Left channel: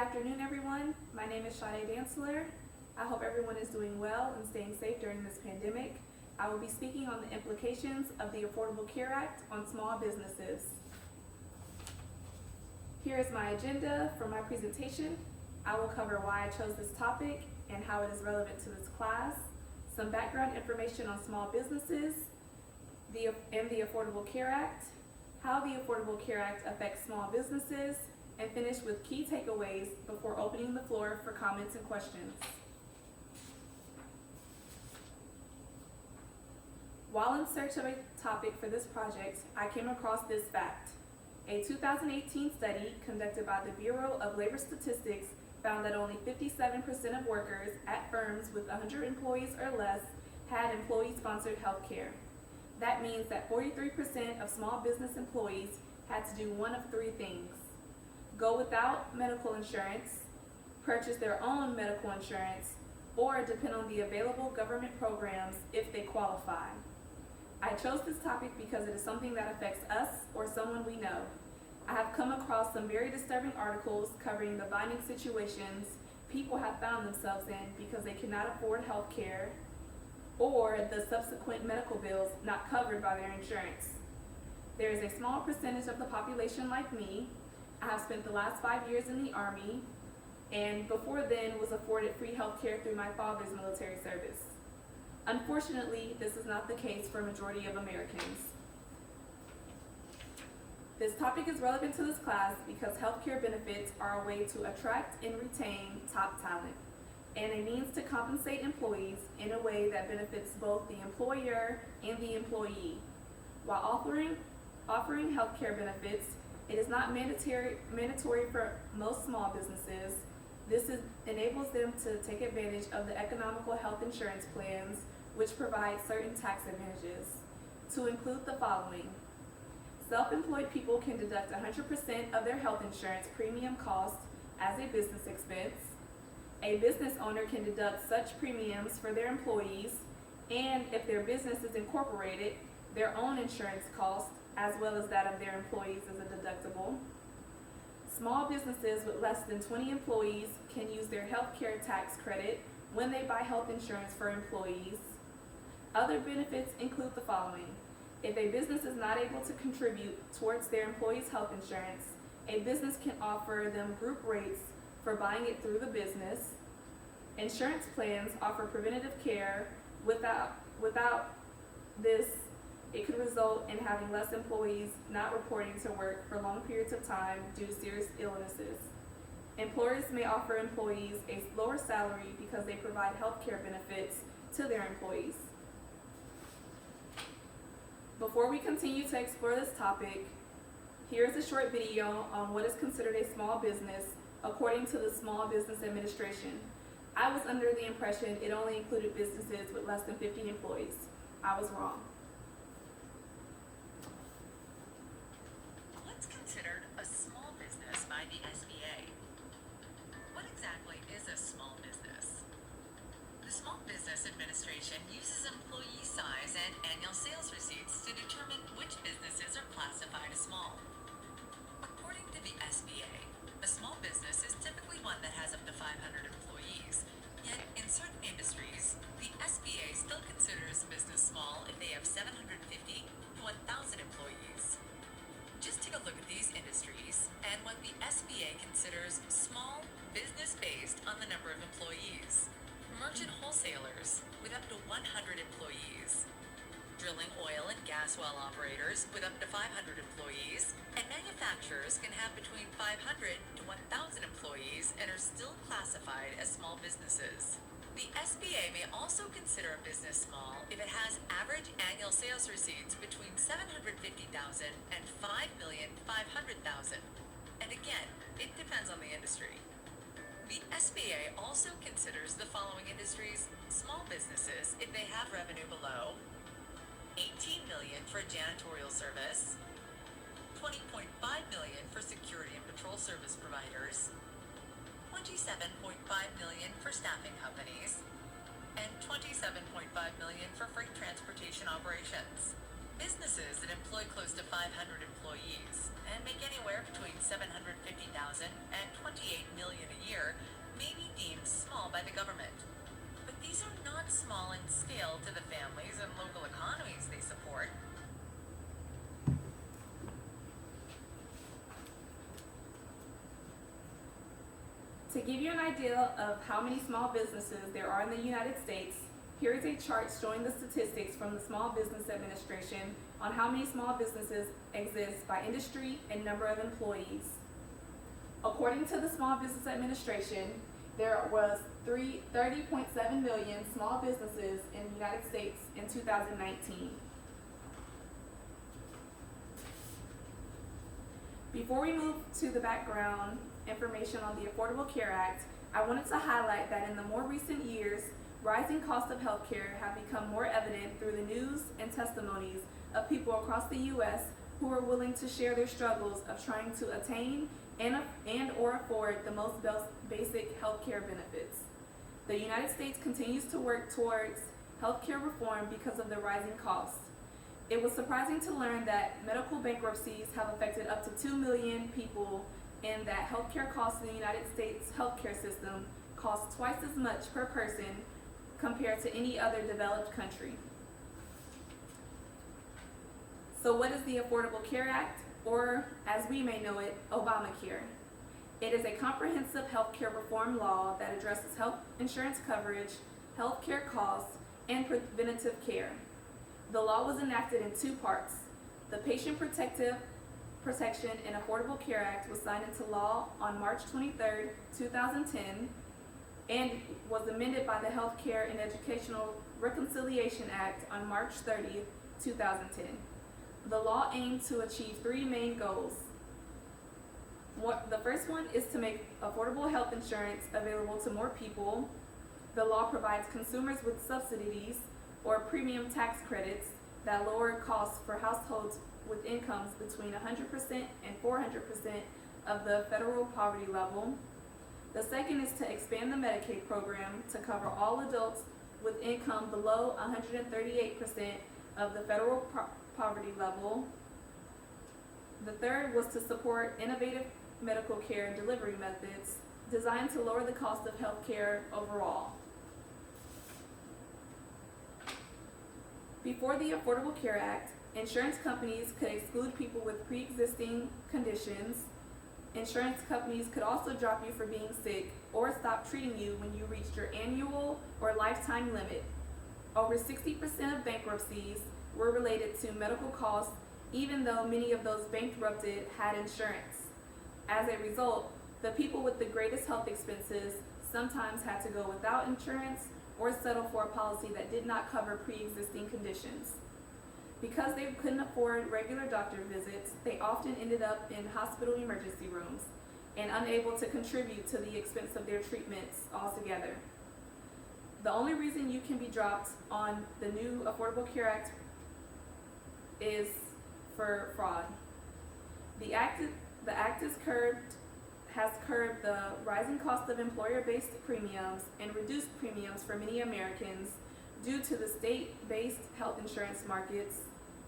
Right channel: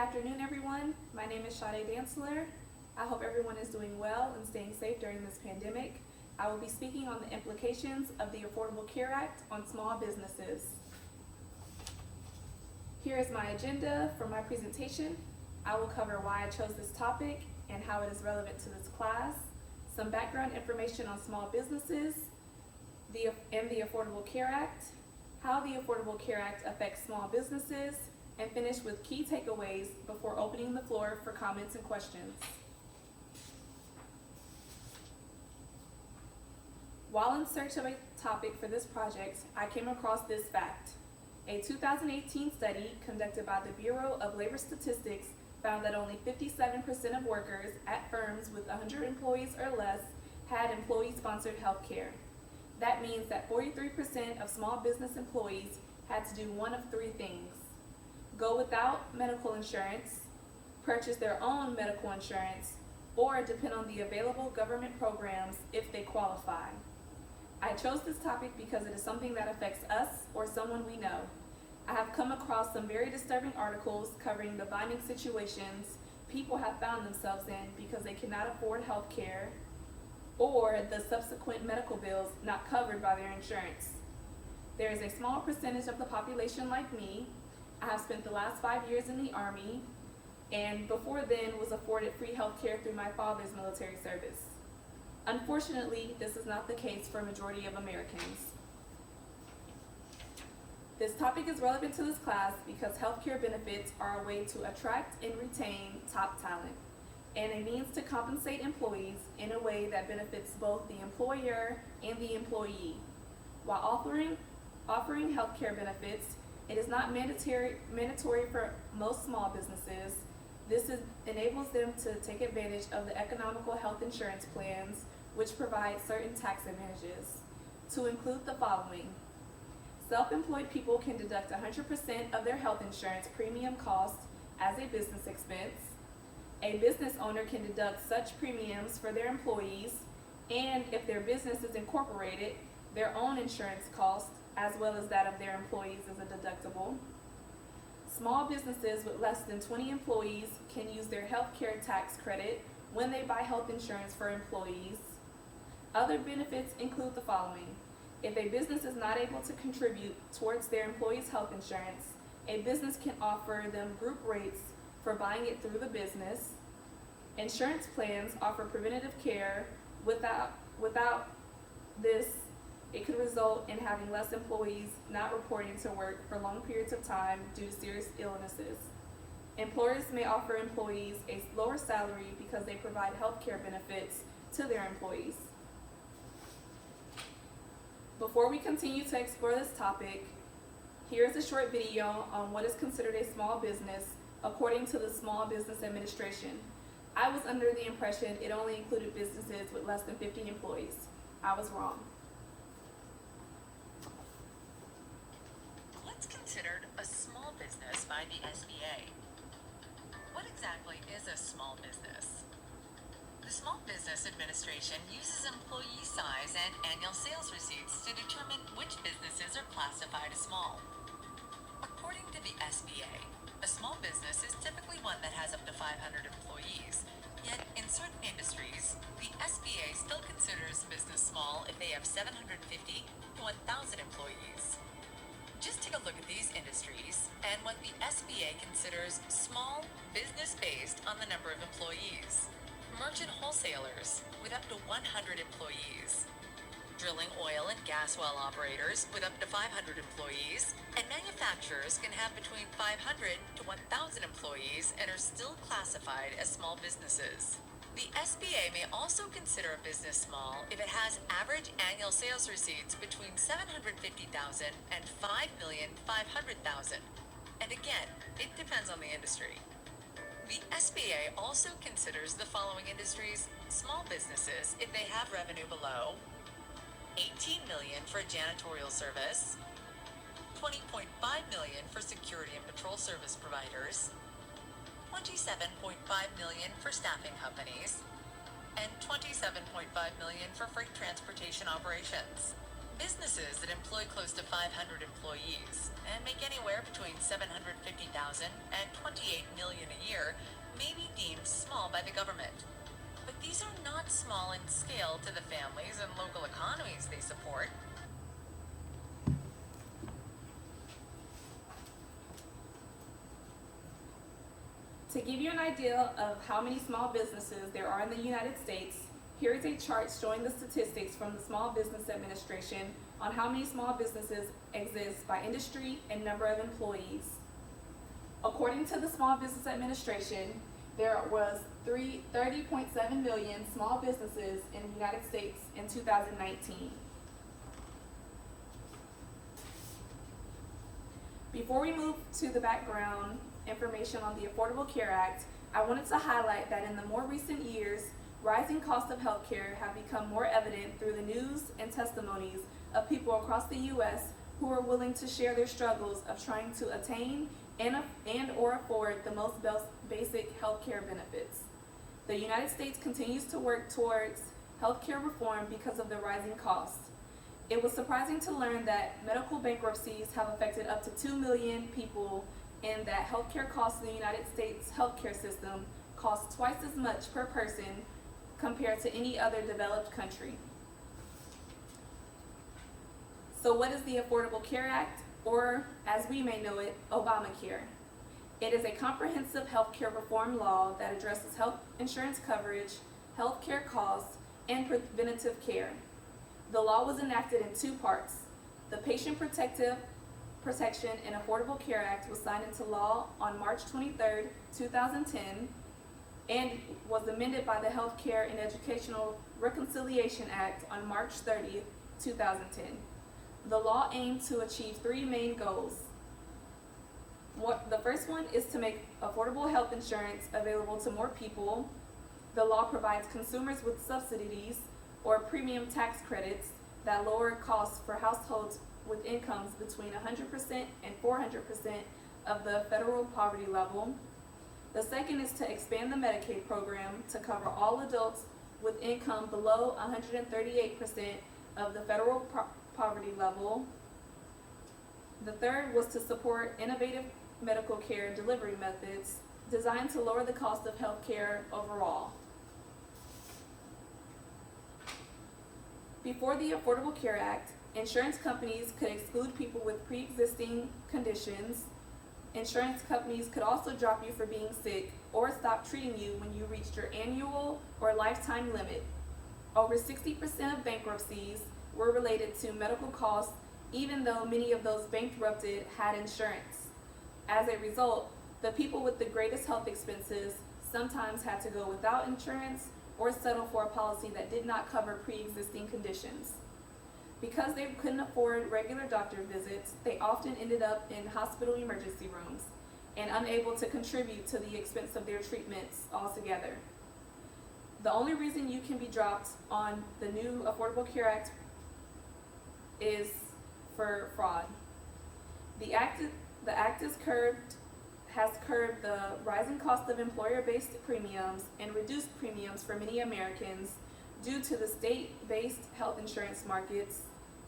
afternoon, everyone. My name is Sade Dantzler. I hope everyone is doing well and staying safe during this pandemic. I will be speaking on the implications of the Affordable Care Act on small businesses. Here is my agenda for my presentation. I will cover why I chose this topic and how it is relevant to this class, some background information on small businesses, and the Affordable Care Act, how the Affordable Care Act affects small businesses, and finish with key takeaways before opening the floor for comments and questions. While in search of a topic for this project, I came across this fact. A 2018 study conducted by the Bureau of Labor Statistics found that only 57% of workers at firms with 100 employees or less had employee-sponsored health care. That means that 43% of small business employees had to do one of three things: go without medical insurance, purchase their own medical insurance, or depend on the available government programs if they qualify. I chose this topic because it is something that affects us or someone we know. I have come across some very disturbing articles covering the binding situations people have found themselves in because they cannot afford health care or the subsequent medical bills not covered by their insurance. There is a small percentage of the population like me. I have spent the last 5 years in the Army, and before then was afforded free health care through my father's military service. Unfortunately, this is not the case for a majority of Americans. This topic is relevant to this class because healthcare benefits are a way to attract and retain top talent, and a means to compensate employees in a way that benefits both the employer and the employee. While offering healthcare benefits, it is not mandatory for most small businesses. This enables them to take advantage of the economical health insurance plans, which provide certain tax advantages, to include the following. Self-employed people can deduct 100% of their health insurance premium costs as a business expense. A business owner can deduct such premiums for their employees, and if their business is incorporated, their own insurance costs as well as that of their employees as a deductible. Small businesses with less than 20 employees can use their health care tax credit when they buy health insurance for employees. Other benefits include the following. If a business is not able to contribute towards their employees' health insurance, a business can offer them group rates for buying it through the business. Insurance plans offer preventative care. Without this, it could result in having less employees not reporting to work for long periods of time due to serious illnesses. Employers may offer employees a lower salary because they provide health care benefits to their employees. Before we continue to explore this topic, here is a short video on what is considered a small business according to the Small Business Administration. I was under the impression it only included businesses with less than 50 employees. I was wrong. What's considered a small business by the SBA? What exactly is a small business? The Small Business Administration uses employee size and annual sales receipts to determine which businesses are classified as small. According to the SBA, a small business is typically one that has up to 500 employees, yet in certain industries, the SBA still considers a business small if they have 750 to 1,000 employees. Just take a look at these industries and what the SBA considers small business based on the number of employees. Merchant wholesalers with up to 100 employees, drilling oil and gas well operators with up to 500 employees, and manufacturers can have between 500 to 1,000 employees and are still classified as small businesses. The SBA may also consider a business small if it has average annual sales receipts between $750,000 and $5,500,000. And again, it depends on the industry. The SBA also considers the following industries small businesses if they have revenue below $18 million for janitorial service, $20.5 million for security and patrol service providers, $27.5 million for staffing companies, and $27.5 million for freight transportation operations. Businesses that employ close to 500 employees and make anywhere between $750,000 and $28 million a To give you an idea of how many small businesses there are in the United States, here is a chart showing the statistics from the Small Business Administration on how many small businesses exist by industry and number of employees. According to the Small Business Administration, there was 30.7 million small businesses in the United States in 2019. Before we move to the background information on the Affordable Care Act, I wanted to highlight that in the more recent years, rising costs of healthcare have become more evident through the news and testimonies of people across the U.S. who are willing to share their struggles of trying to attain and or afford the most basic healthcare benefits. The United States continues to work towards healthcare reform because of the rising costs. It was surprising to learn that medical bankruptcies have affected up to 2 million people and that healthcare costs in the United States healthcare system cost twice as much per person compared to any other developed country. So what is the Affordable Care Act, or as we may know it, Obamacare? It is a comprehensive healthcare reform law that addresses health insurance coverage, healthcare costs, and preventative care. The law was enacted in two parts. The Patient Protection and Affordable Care Act was signed into law on March 23, 2010, and was amended by the Healthcare and Educational Reconciliation Act on March 30, 2010. The law aimed to achieve three main goals. The first one is to make affordable health insurance available to more people. The law provides consumers with subsidies or premium tax credits that lower costs for households with incomes between 100% and 400% of the federal poverty level. The second is to expand the Medicaid program to cover all adults with income below 138% of the federal poverty level. The third was to support innovative medical care and delivery methods designed to lower the cost of health care overall. Before the Affordable Care Act, insurance companies could exclude people with pre-existing conditions. Insurance companies could also drop you for being sick or stop treating you when you reached your annual or lifetime limit. Over 60% of bankruptcies were related to medical costs, even though many of those bankrupted had insurance. As a result, the people with the greatest health expenses sometimes had to go without insurance or settle for a policy that did not cover pre-existing conditions. Because they couldn't afford regular doctor visits, they often ended up in hospital emergency rooms and unable to contribute to the expense of their treatments altogether. The only reason you can be dropped on the new Affordable Care Act is for fraud. The act has curbed the rising cost of employer-based premiums and reduced premiums for many Americans due to the state-based health insurance markets.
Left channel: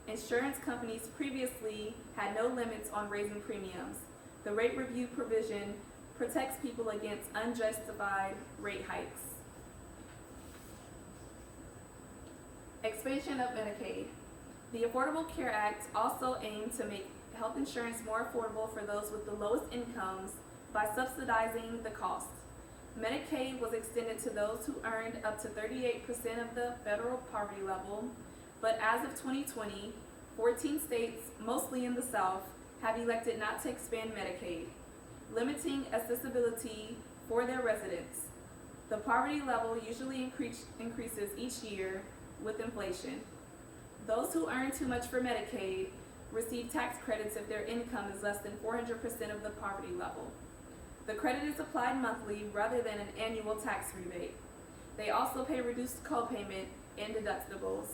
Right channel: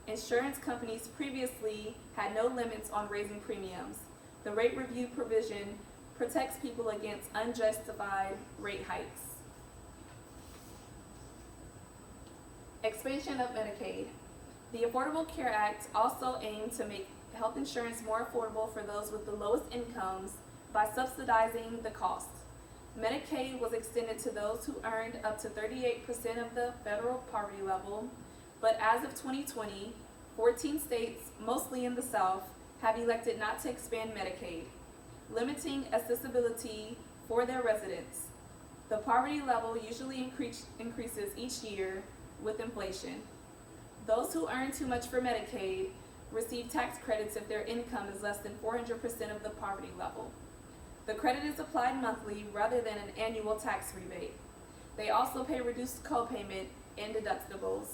Insurance companies previously had no limits on raising premiums. The rate review provision protects people against unjustified rate hikes. Expansion of Medicaid. The Affordable Care Act also aimed to make health insurance more affordable for those with the lowest incomes by subsidizing the cost. Medicaid was extended to those who earned up to 38% of the federal poverty level, but as of 2020, 14 states, mostly in the South, have elected not to expand Medicaid, limiting accessibility for their residents. The poverty level usually increases each year with inflation. Those who earn too much for Medicaid receive tax credits if their income is less than 400% of the poverty level. The credit is applied monthly rather than an annual tax rebate. They also pay reduced co-payment and deductibles.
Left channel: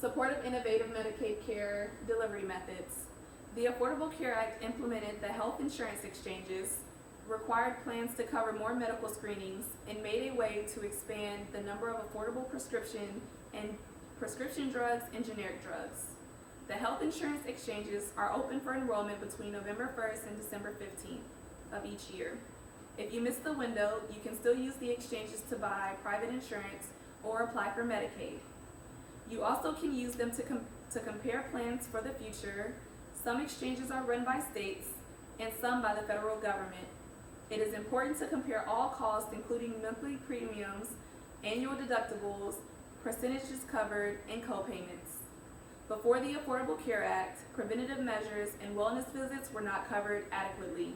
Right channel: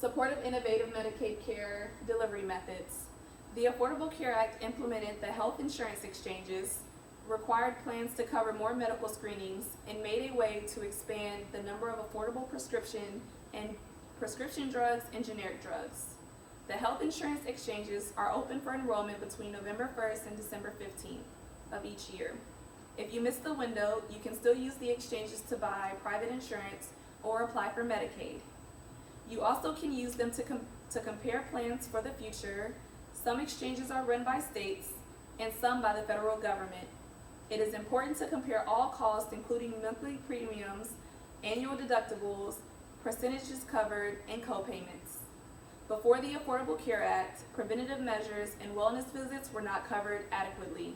Supportive innovative Medicaid care delivery methods. The Affordable Care Act implemented the health insurance exchanges, required plans to cover more medical screenings, and made a way to expand the number of affordable prescription drugs and generic drugs. The health insurance exchanges are open for enrollment between November 1st and December 15th of each year. If you miss the window, you can still use the exchanges to buy private insurance or apply for Medicaid. You also can use them to compare plans for the future. Some exchanges are run by states, and some by the federal government. It is important to compare all costs, including monthly premiums, annual deductibles, percentages covered, and co-payments. Before the Affordable Care Act, preventative measures and wellness visits were not covered adequately.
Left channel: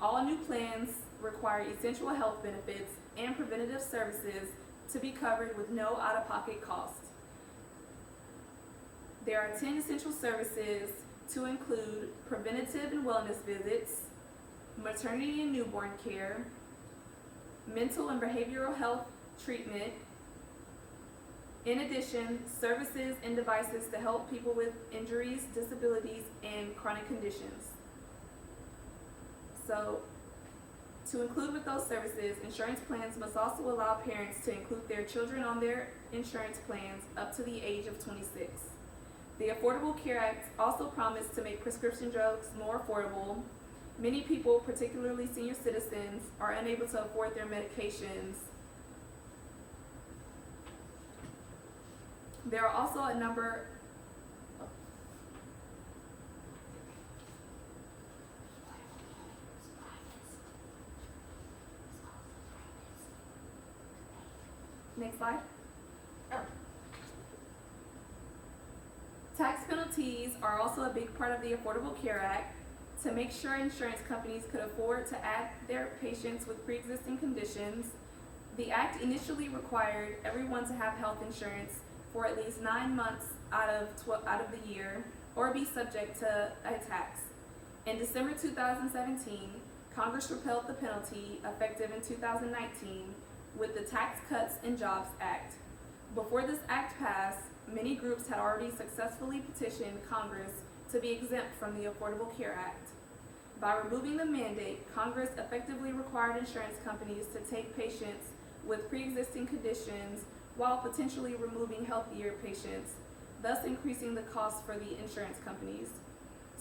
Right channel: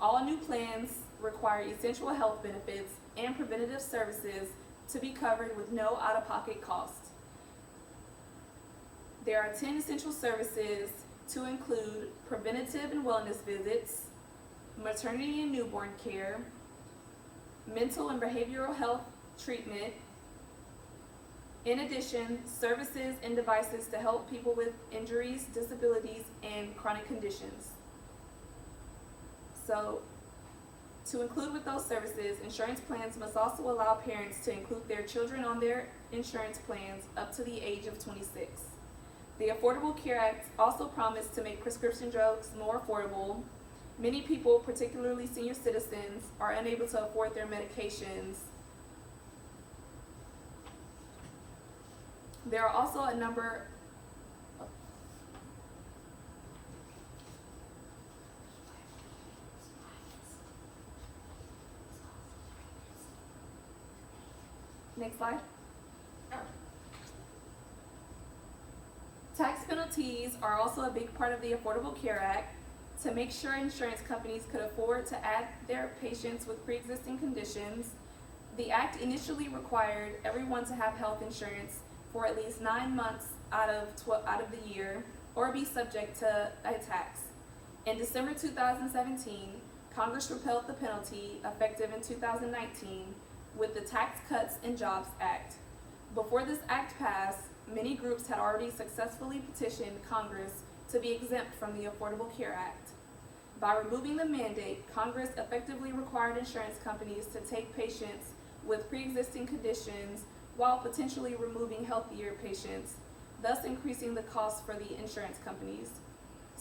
All new plans require essential health benefits and preventative services to be covered with no out-of-pocket cost. There are 10 essential services to include preventative and wellness visits, maternity and newborn care, mental and behavioral health treatment. In addition, services and devices to help people with injuries, disabilities, and chronic conditions. So, to include with those services, insurance plans must also allow parents to include their children on their insurance plans up to the age of 26. The Affordable Care Act also promised to make prescription drugs more affordable. Many people, particularly senior citizens, are unable to afford their medications. There are also a number Next slide. Tax penalties are also a big part of the Affordable Care Act. To make sure insurance companies could afford to add their patients with pre-existing conditions, the Act initially required everyone to have health insurance for at least 9 months out of the year, or be subject to a tax. In December 2017, Congress repealed the penalty, effective in 2019, with the Tax Cuts and Jobs Act. Before this act passed, many groups had already successfully petitioned Congress to be exempt from the Affordable Care Act. By removing the mandate, Congress effectively required insurance companies to take patients with pre-existing conditions while potentially removing healthier patients, thus increasing the cost for the insurance companies.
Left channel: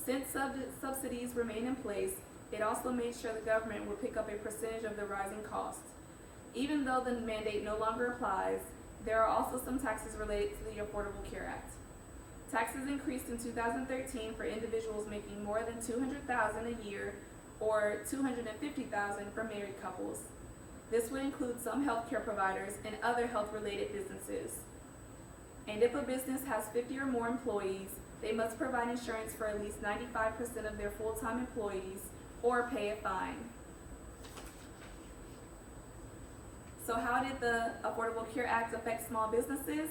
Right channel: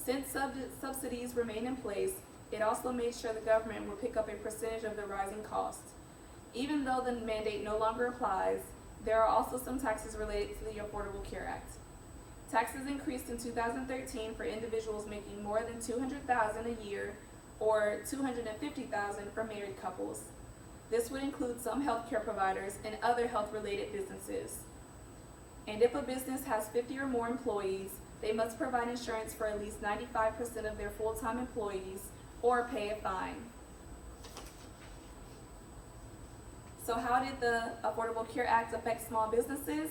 Since subsidies remain in place, it also made sure the government would pick up a percentage of the rising costs. Even though the mandate no longer applies, there are also some taxes related to the Affordable Care Act. Taxes increased in 2013 for individuals making more than $200,000 a year, or $250,000 for married couples. This would include some healthcare providers and other health-related businesses. And if a business has 50 or more employees, they must provide insurance for at least 95% of their full-time employees or pay a fine. So how did the Affordable Care Act affect small businesses?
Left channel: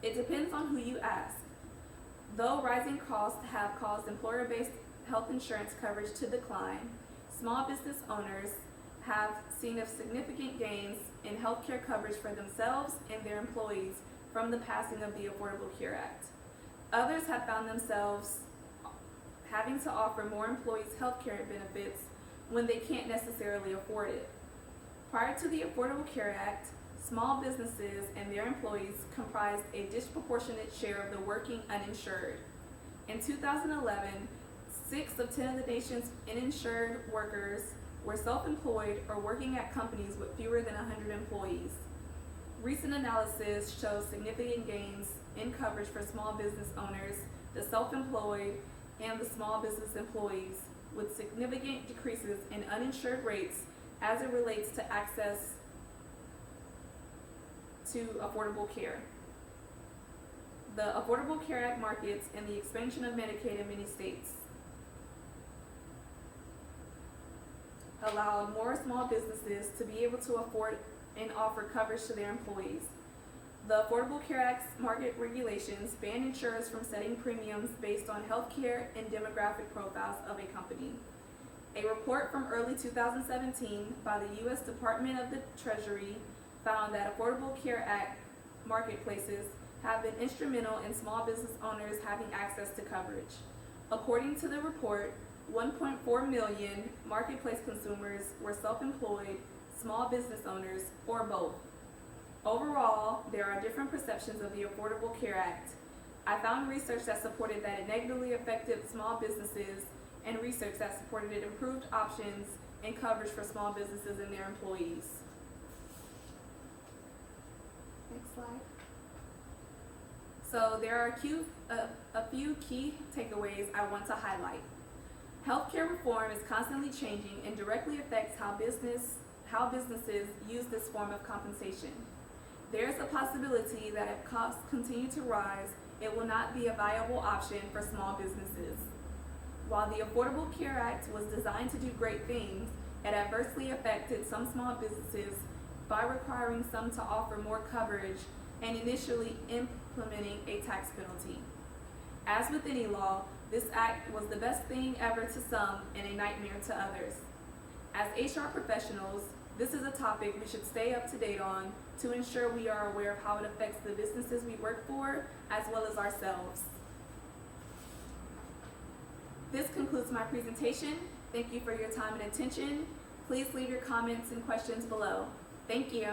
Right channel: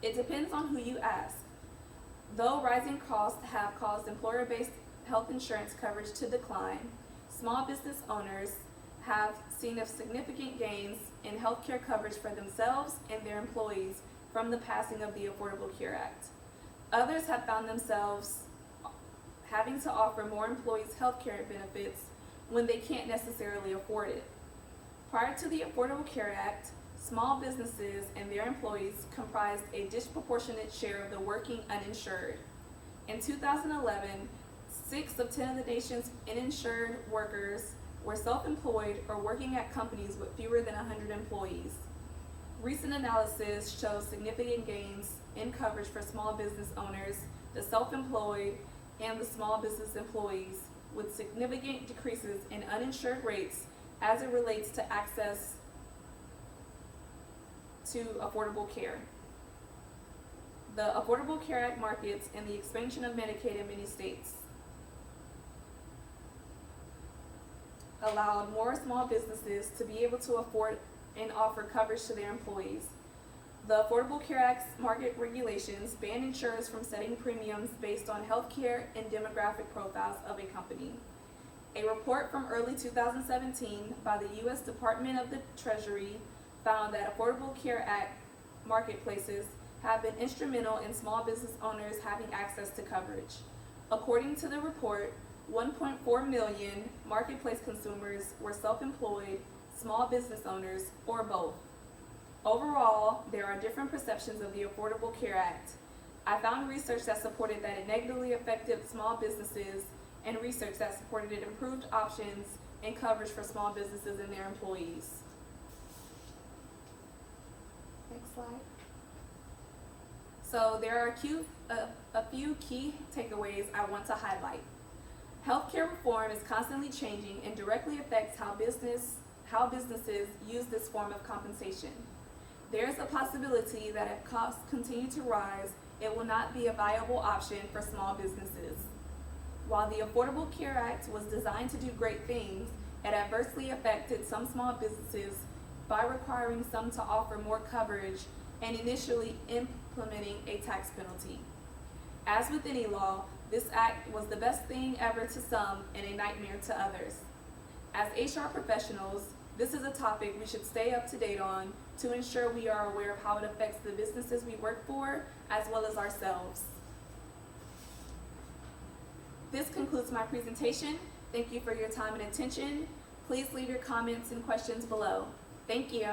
It depends on who you ask. Though rising costs have caused employer-based health insurance coverage to decline, small business owners have seen significant gains in healthcare coverage for themselves and their employees from the passing of the Affordable Care Act. Others have found themselves having to offer more employees healthcare benefits when they can't necessarily afford it. Prior to the Affordable Care Act, small businesses and their employees comprised a disproportionate share of the working uninsured. In 2011, 6 of 10 of the nation's uninsured workers were self-employed or working at companies with fewer than 100 employees. Recent analysis shows significant gains in coverage for small business owners, the self-employed, and the small business employees, with significant decreases in uninsured rates as it relates to access to affordable care. The Affordable Care Act markets and the expansion of Medicaid in many states allowed more small businesses to be able to afford and offer coverage to their employees. The Affordable Care Act's market regulations ban insurers from setting premiums based on healthcare and demographic profiles of a company. A report from early 2017 by the U.S. Department of the Treasury found that Affordable Care Act marketplaces have been instrumental in small business owners having access to coverage. According to the report, 1.4 million marketplace consumers were self-employed, small business owners, or both. Overall, there are different perceptions of the Affordable Care Act. I found research that supported that it negatively affected small businesses and research that supported it improved options and coverage for small businesses and their employees. Next slide. So there are a few key takeaways I want to highlight. Healthcare reform is constantly changing and directly affects how businesses use this form of compensation. There is a possibility that if costs continue to rise, it will not be a viable option for small businesses. While the Affordable Care Act was designed to do great things, it adversely affected some small businesses by requiring some to offer more coverage and initially implementing a tax penalty. As with any law, this act was the best thing ever to some and a nightmare to others. As HR professionals, this is a topic we should stay up to date on to ensure we are aware of how it affects the businesses we work for as well as ourselves. This concludes my presentation. Thank you for your time and attention. Please leave your comments and questions below. Thank you.